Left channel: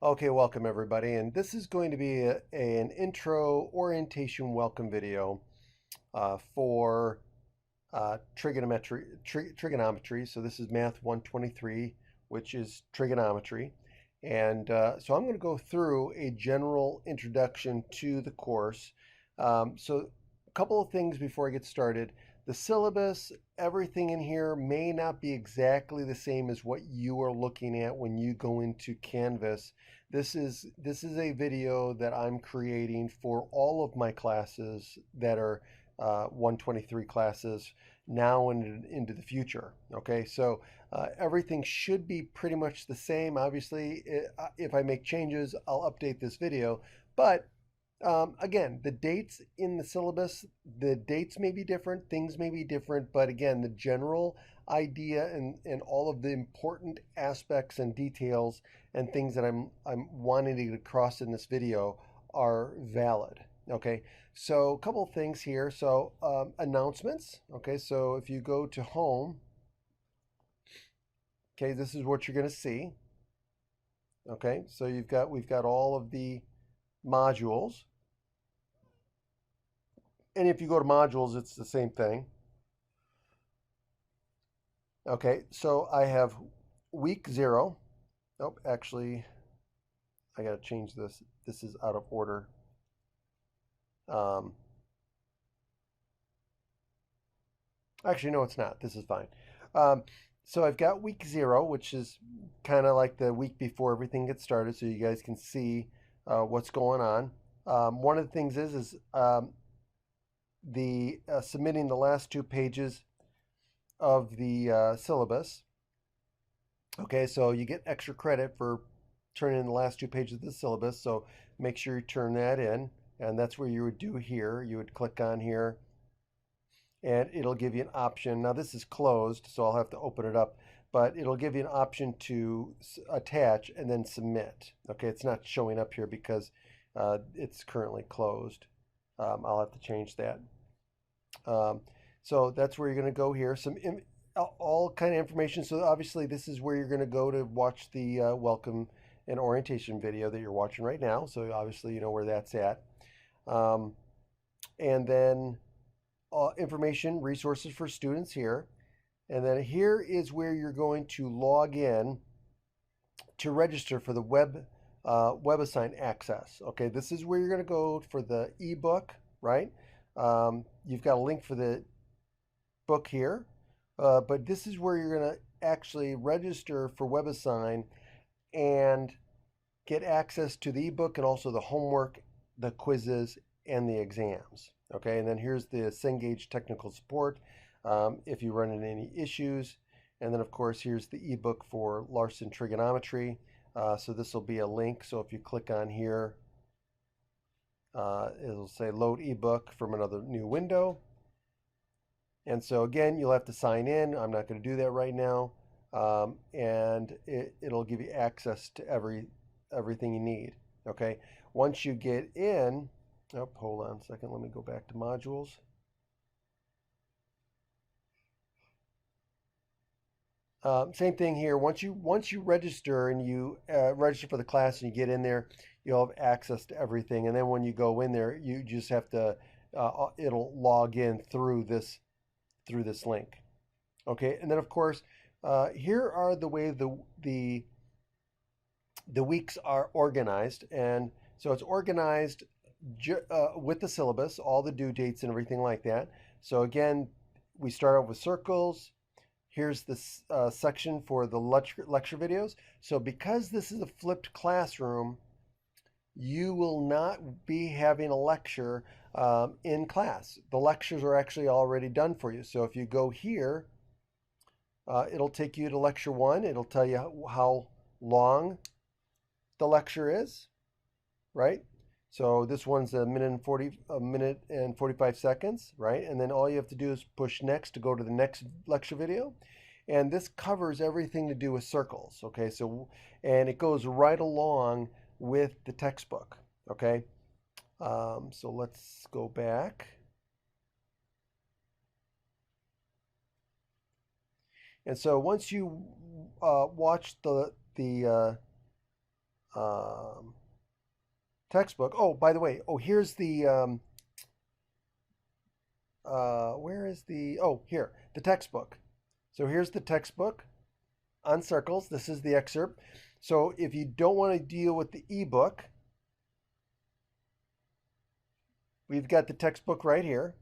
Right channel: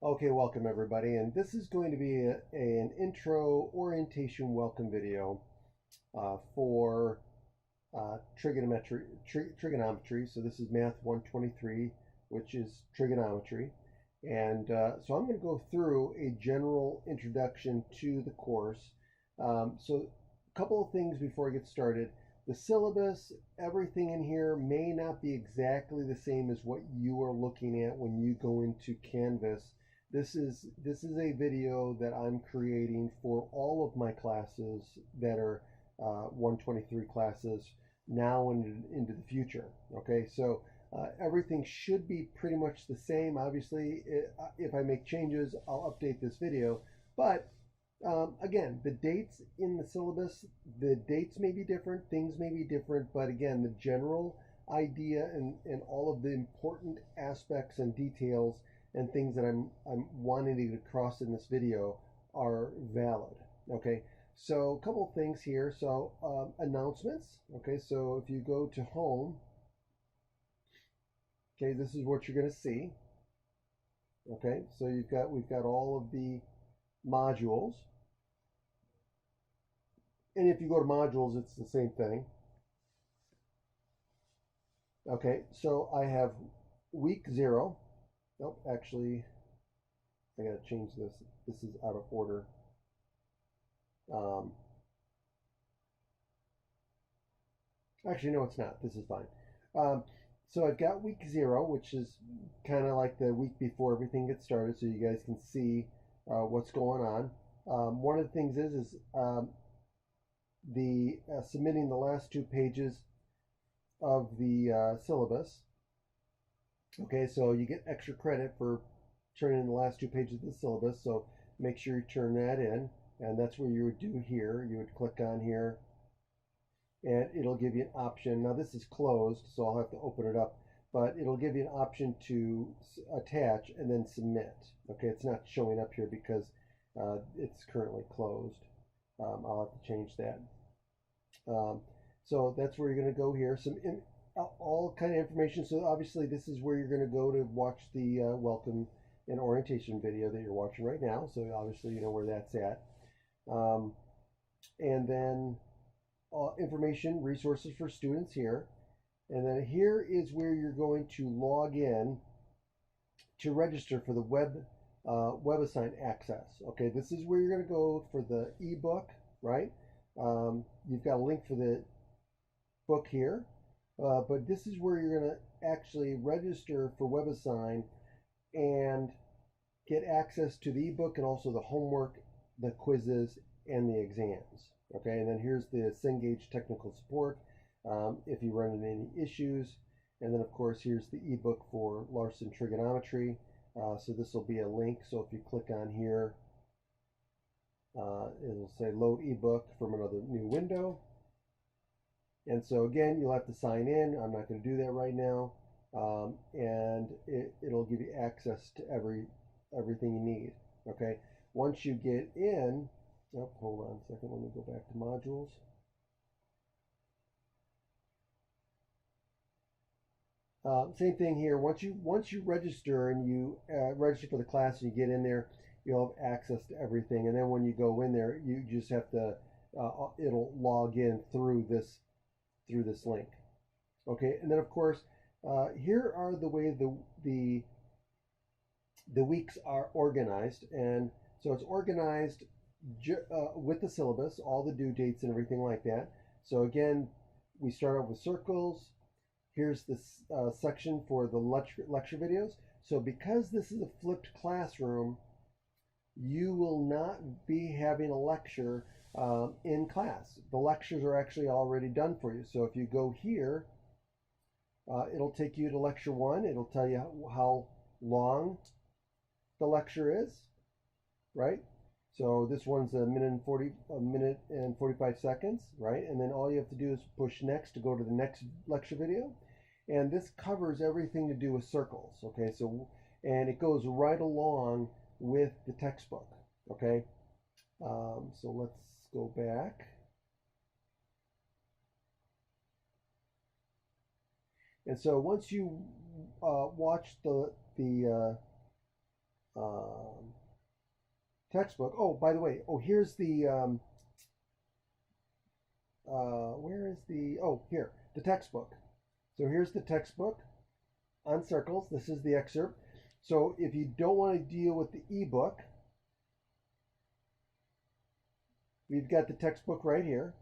Okay, welcome everybody, and this is going to be an intro orientation welcome video for trigonometry. So this is Math 123, which is trigonometry. And so I'm going to go through a general introduction to the course. So a couple of things before I get started. The syllabus, everything in here may not be exactly the same as what you are looking at when you go into Canvas. This is a video that I'm creating for all of my classes that are 123 classes now and into the future. Okay, so everything should be pretty much the same. Obviously, if I make changes, I'll update this video. But again, the dates in the syllabus, the dates may be different, things may be different, but again, the general idea and all of the important aspects and details and things that I'm wanting to get across in this video are valid. Okay, so a couple of things here. So announcements. Okay, so if you go to home, okay, this is what you're going to see. Okay, so we've got all of the modules. And if you go to modules, it's the same thing. Okay, so I have week 0. Nope, actually, I got to change this. This is out of order. Um, Actually, no, it's not. This is fine. Um, so I've got week 0, which is kind of like the week before everything gets started, so you guys can see what's going on. One of the things is the submitting the last 2 pages of the syllabus. Okay, so you get extra credit for turning in the last 2 pages of the syllabus, so make sure you turn that in, and that's where you would do here. You would click on here, and it'll give you an option. Now this is closed, so I'll have to open it up, but it'll give you an option to attach and then submit. Okay, it's not showing up here because it's currently closed. I'll have to change that. So that's where you're going to go here. All kind of information. So obviously this is where you're going to go to watch the welcome and orientation video that you're watching right now. So obviously you know where that's at. And then information, resources for students here. And then here is where you're going to log in to register for the WebAssign access. Okay, this is where you're going to go for the ebook, right? You've got a link for the book here, but this is where you're going to actually register for WebAssign and get access to the ebook and also the homework, the quizzes, and the exams. Okay, and then here's the Cengage technical support if you run into any issues. And then, of course, here's the ebook for Larson Trigonometry. So this will be a link. So if you click on here, it'll say load ebook from another new window. And so again, you'll have to sign in. I'm not going to do that right now. And it'll give you access to everything you need. Okay. Once you get in, oh, hold on a second. Let me go back to modules. Same thing here. Once you register and you register for the class and you get in there, you'll have access to everything. And then when you go in there, you just have to it'll log in through this link. Okay, and then of course, here are the way the weeks are organized, and so it's organized with the syllabus, all the due dates and everything like that. So again, we start out with circles. Here's this section for the lecture videos. So because this is a flipped classroom, you will not be having a lecture in class. The lectures are actually already done for you. So if you go here, it'll take you to lecture 1. It'll tell you how long the lecture is, right? So this one's a minute and 45 seconds, right? And then all you have to do is push next to go to the next lecture video. And this covers everything to do with circles, okay? So, and it goes right along with the textbook, okay? So let's go back. And so once you watch the um, textbook. Oh, by the way, oh, here's the where is the, oh, here, the textbook. So here's the textbook on circles. This is the excerpt. So if you don't want to deal with the ebook, we've got the textbook right here.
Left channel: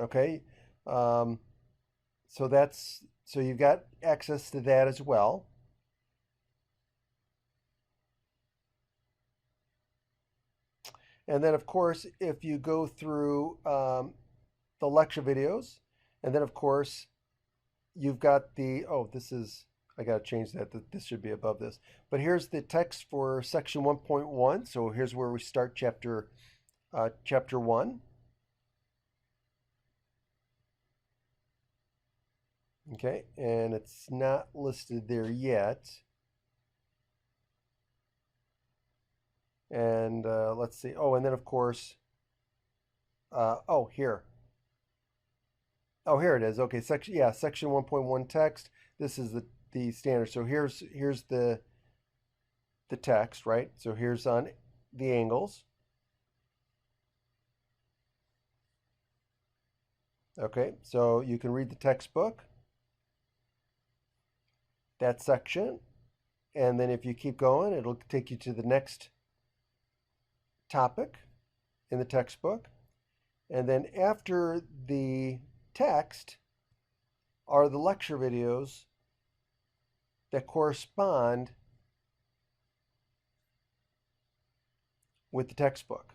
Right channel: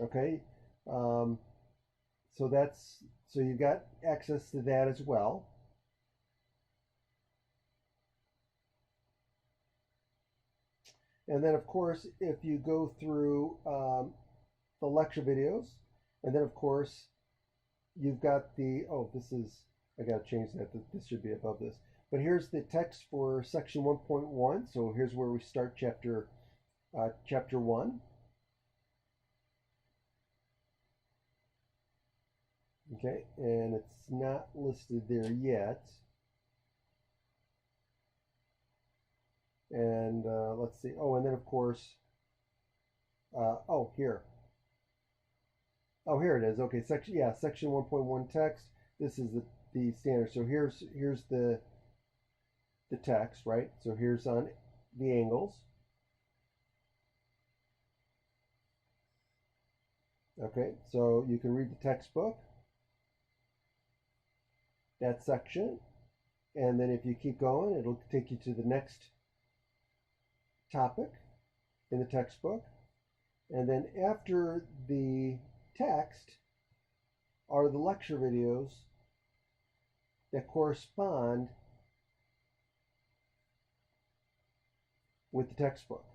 Okay. Um, so you've got access to that as well. And then, of course, if you go through the lecture videos, and then, of course, you've got the, oh, this is, I got to change that. This should be above this. But here's the text for section 1.1. So here's where we start chapter 1. Okay, and it's not listed there yet. And let's see. Oh, and then of course, oh, here. Oh, here it is. Okay, section 1.1 text. This is the standard. So here's the text, right? So here's on the angles. Okay, so you can read the textbook, that section, and then if you keep going, it'll take you to the next topic in the textbook. And then after the text are the lecture videos that correspond with the textbook.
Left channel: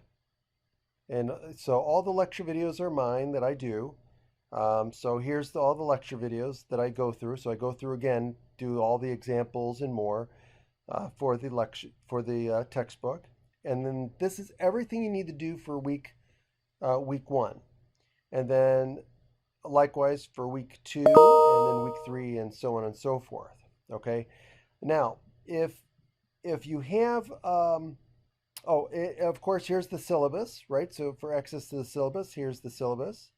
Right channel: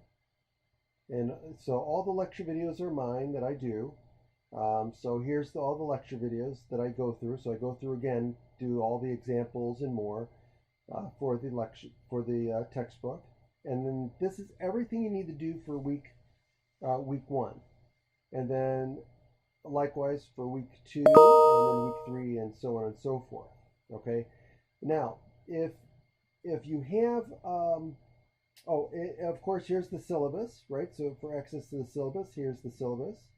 And so all the lecture videos are mine that I do. So here's all the lecture videos that I go through. So I go through again, do all the examples and more for the lecture, for the textbook. And then this is everything you need to do for week 1. And then likewise for week 2, and then week 3, and so on and so forth. Okay. Now, if you have of course, here's the syllabus, right? So for access to the syllabus, here's the syllabus.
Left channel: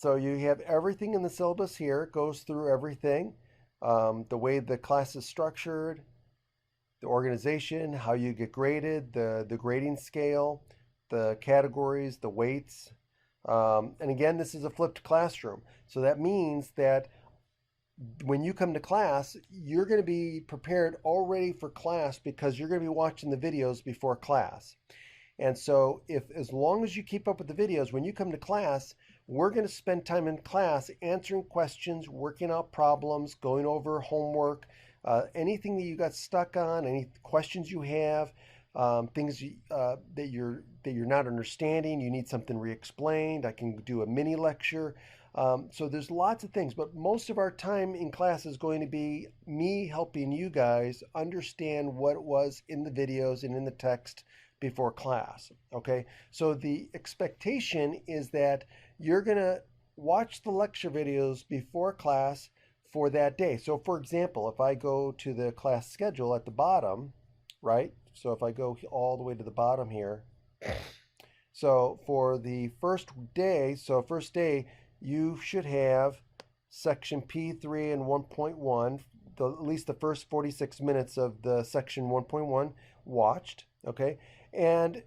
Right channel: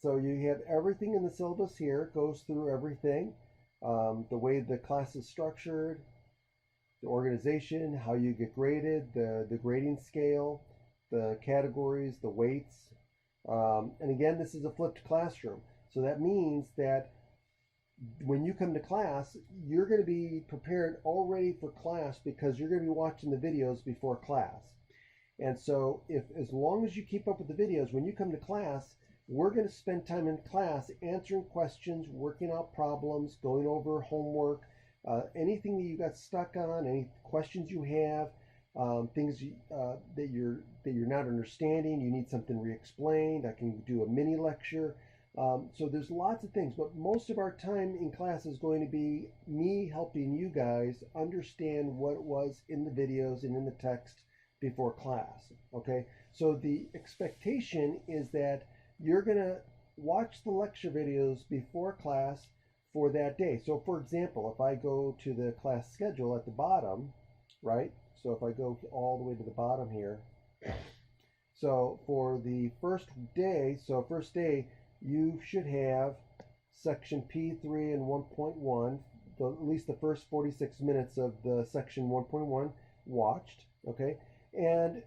So you have everything in the syllabus here. It goes through everything. The way the class is structured, the organization, how you get graded, the grading scale, the categories, the weights. And again, this is a flipped classroom. So that means that when you come to class, you're going to be prepared already for class because you're going to be watching the videos before class. And so as long as you keep up with the videos, when you come to class, we're going to spend time in class answering questions, working out problems, going over homework, anything that you got stuck on, any questions you have, things that you're not understanding, you need something re-explained. I can do a mini lecture. So there's lots of things, but most of our time in class is going to be me helping you guys understand what it was in the videos and in the text before class. Okay, so the expectation is that you're going to watch the lecture videos before class for that day. So for example, if I go to the class schedule at the bottom, right? So if I go all the way to the bottom here, so for the first day, you should have section P3 and 1.1, at least the first 46 minutes of the section 1.1 watched, okay? And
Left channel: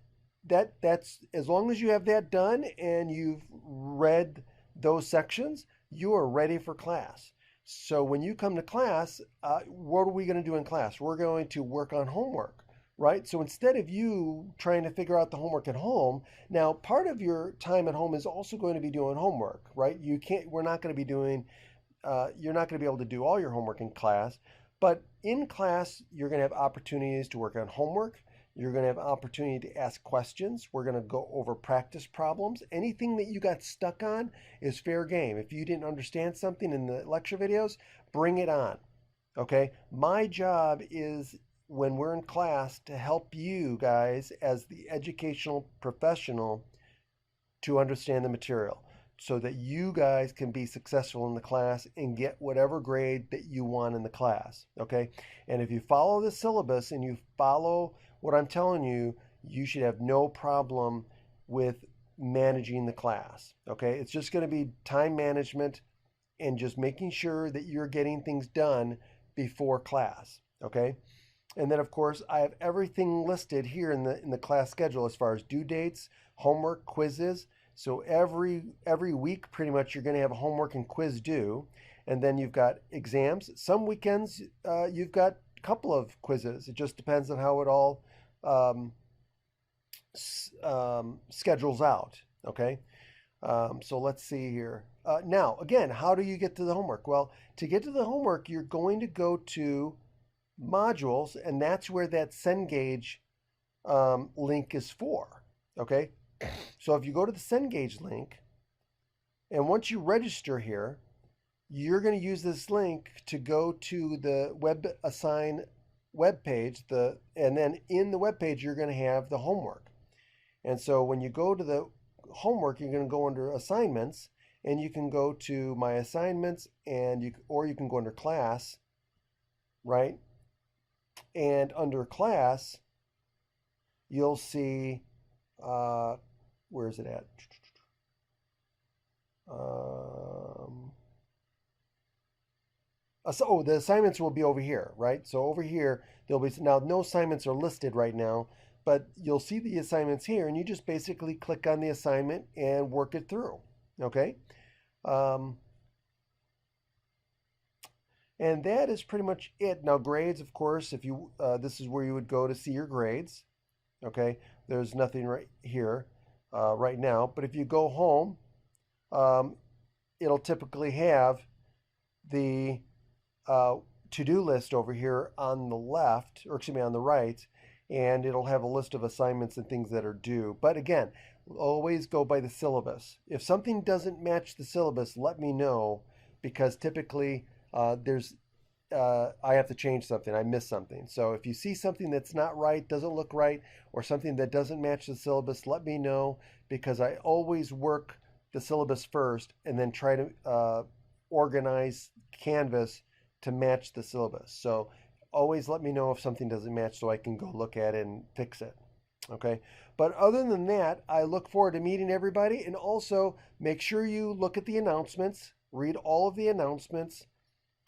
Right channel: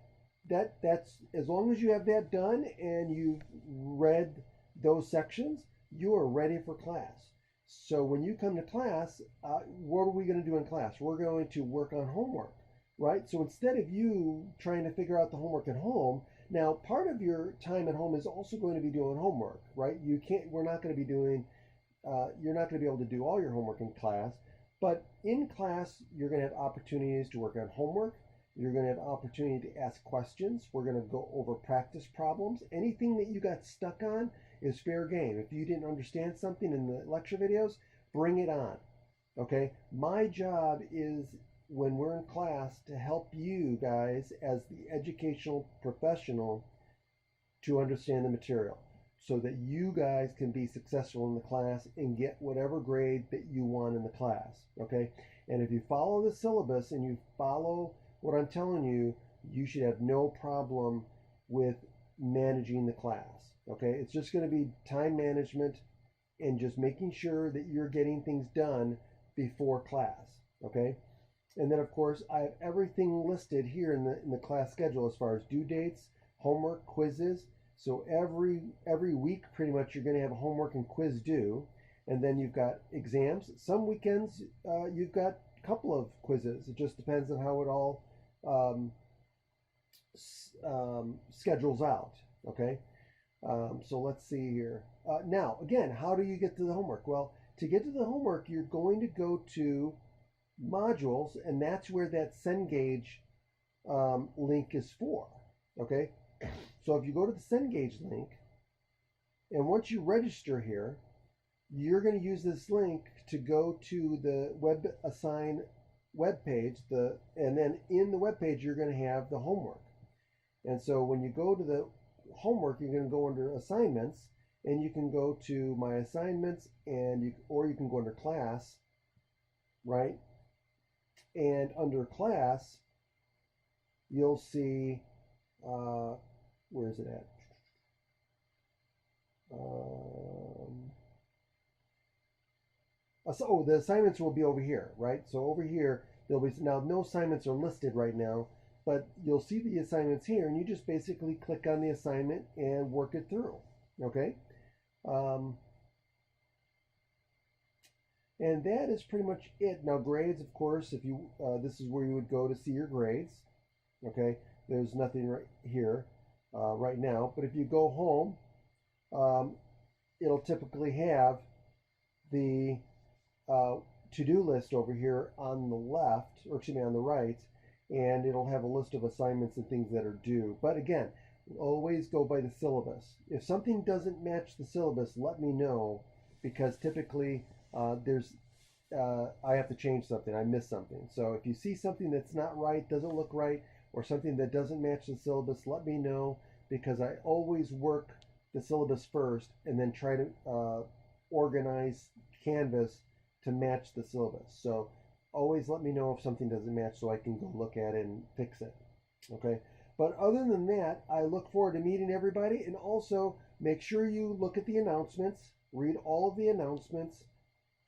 that's as long as you have that done and you've read those sections, you are ready for class. So when you come to class, what are we going to do in class? We're going to work on homework, right? So instead of you trying to figure out the homework at home, now part of your time at home is also going to be doing homework, right? We're not going to be doing, you're not going to be able to do all your homework in class, but in class, you're going to have opportunities to work on homework. You're going to have opportunity to ask questions. We're going to go over practice problems. Anything that you got stuck on is fair game. If you didn't understand something in the lecture videos, bring it on. Okay? My job is when we're in class to help you guys as the educational professional to understand the material so that you guys can be successful in the class and get whatever grade that you want in the class. Okay? And if you follow the syllabus and you follow what I'm telling you, you should have no problem with managing the class. Okay, it's just going to be time management and just making sure that you're getting things done before class. Okay, and then of course I have everything listed here in the class schedule as far as due dates, homework, quizzes. So every week pretty much you're going to have a homework and quiz due, and then you've got exams. Some weekends you've got a couple of quizzes. It just depends on how it all um, schedules out. Okay, so let's see here. Now, again, how do you get to the homework? Well, to get to the homework, you're going to go to modules, and that's where that Cengage link is for. Okay, so if you go to the Cengage link, and once you register here, you're going to use this link to go to the WebAssign web page. And then in the web page, you're going to have the homework. And so when you go to the homework, you're going to go under assignments, and you can go to my assignments, or you can go under class, right? And under class, you'll see, where is it at? The assignments will be over here, right? So over here, there'll be, now no assignments are listed right now, but you'll see the assignments here, and you just basically click on the assignment and work it through, okay? And that is pretty much it. Now grades, of course, if you this is where you would go to see your grades, okay? There's nothing right here right now, but if you go home, it'll typically have the to-do list over here on the left, or excuse me, on the right, and it'll have a list of assignments and things that are due. But again, always go by the syllabus. If something doesn't match the syllabus, let me know, because typically I have to change something. I missed something. So if you see something that's not right, doesn't look right, or something that doesn't match the syllabus, let me know, because I always work the syllabus first and then try to organize Canvas to match the syllabus. So always let me know if something doesn't match so I can go look at it and fix it. Okay. But other than that, I look forward to meeting everybody, and also make sure you look at the announcements, read all of the announcements,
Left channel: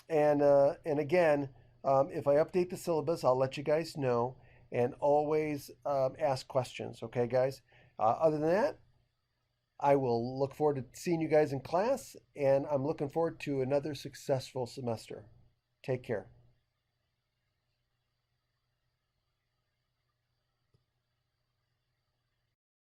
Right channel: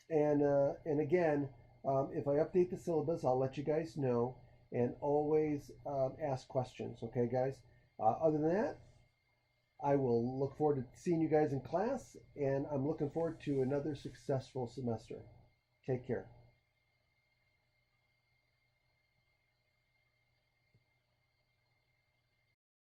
and again, if I update the syllabus, I'll let you guys know, and always ask questions. Okay, guys. Other than that, I will look forward to seeing you guys in class, and I'm looking forward to another successful semester. Take care.